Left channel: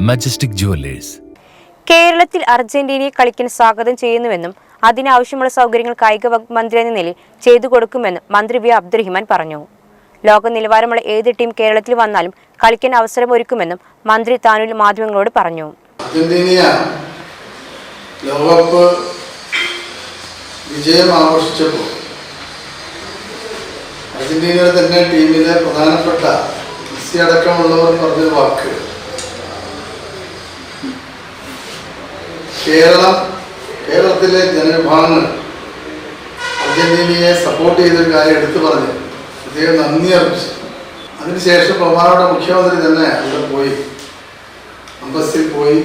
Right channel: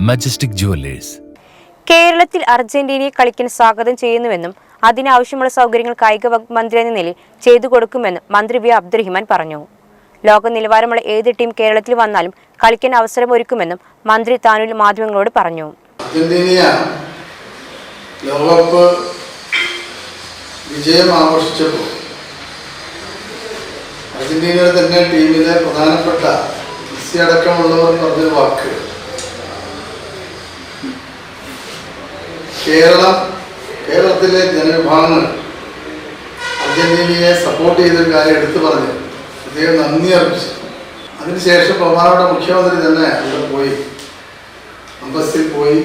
Majestic jewellers കേരളത്തിൽ അർജന്റീനയെ കളിക്കാൻ സ്വാഗതം ചെയ്യുന്നുവെന്നും അതിനാവശ്യമുള്ള സൗകര്യങ്ങൾ കായിക വകുപ്പ് മന്ത്രി എന്ന നിലയിൽ ചെയ്തു കൊടുക്കുമെന്നും മന്ത്രി വി. അബ്ദുറഹിമാൻ പറഞ്ഞു. ലോക നിലവാരമുള്ള ഏത് ടീം കേരളത്തിൽ വന്നാലും കളിക്കാൻ അവസരം ഒരുക്കുമെന്നും മന്ത്രി താനൂരിൽ മാധ്യമങ്ങളോട് പറഞ്ഞു. അർജന്റീന ലോകകപ്പ് വിജയം ആഘോഷിച്ചപ്പോൾ അർജന്റീനയുടെ തന്നെ ടീമിലെ പ്രധാനപ്പെട്ട മെസ്സി അടക്കമുള്ളവർ പറഞ്ഞൊരു വാക്ക്. കേരളം കേരളത്തിലെ ജനവിഭാഗങ്ങൾ അർജന്റീനയെ സപ്പോർട്ട് ചെയ്തൊരു കാര്യം എടുത്തു പറഞ്ഞ് അദ്ദേഹം നന്ദി അർപ്പിച്ചു. അതിനുശേഷം ബഹുമാനോടെ മുഖ്യമന്ത്രി തന്നെ അവിടെ പോയി. അമ്പസിൽ പോയി.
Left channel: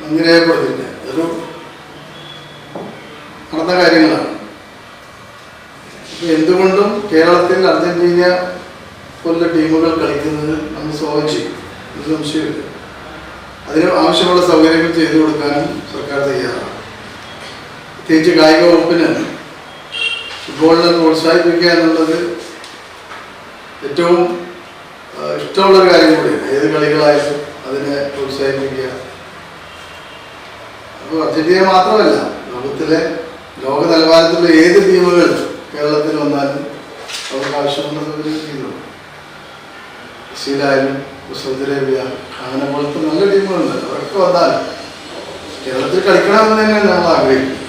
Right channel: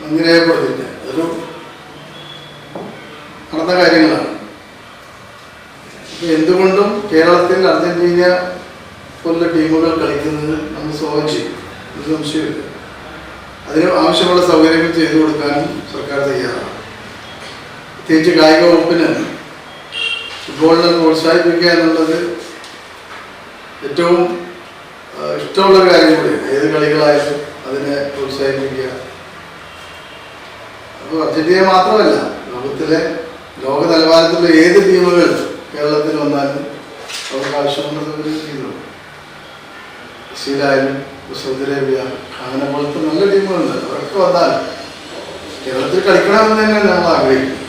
നന്ദി രേഖപ്പെടുത്തില്ല അതൊരു നടന്ന കാര്യങ്ങളാണ്. എന്തുകൊണ്ടും കേരളത്തിൽ അർജന്റീന പോലുള്ള ടീമുകൾ കളിക്കുന്നത് നമ്മൾ സ്വാഗതം ചെയ്യും ഒരു സംശയമില്ല അതിന് ആവശ്യമുള്ള സൗകര്യങ്ങൾ ചെയ്തു കൊടുക്കാനും സർക്കാർ തയ്യാറാണ്. പ്രത്യേകിച്ച് കായിക വകുപ്പിന് ഫുട്ബോളിനെ പ്രോത്സാഹിപ്പിക്കുക എന്നുള്ളത് ഏറ്റവും ഇഷ്ടമുള്ള ഇഷ്ടമുള്ളൊരു കാര്യം കൂടിയാണ്. ഏത് കളികളായാലും അതിനെ പ്രോത്സാഹിപ്പിക്കുക. അപ്പോൾ അർജന്റീന മാത്രമല്ല ലോകത്തിലെ ലോക നിലവാരത്തിലുള്ള ഏത് ടീമുകൾ കേരളത്തിൽ വന്നാലും അവർക്ക് ആവശ്യമുള്ളത് ചെയ്തു ബ്രസീലായാലും സൗദി അറേബ്യ അങ്ങനെ പോലത്തെ നല്ല ടീമുകളുണ്ട്. അവരൊക്കെ വന്നാൽ കേരളത്തിൽ കളിക്കണമെന്ന് തന്നെ നമ്മൾ ആഗ്രഹിക്കും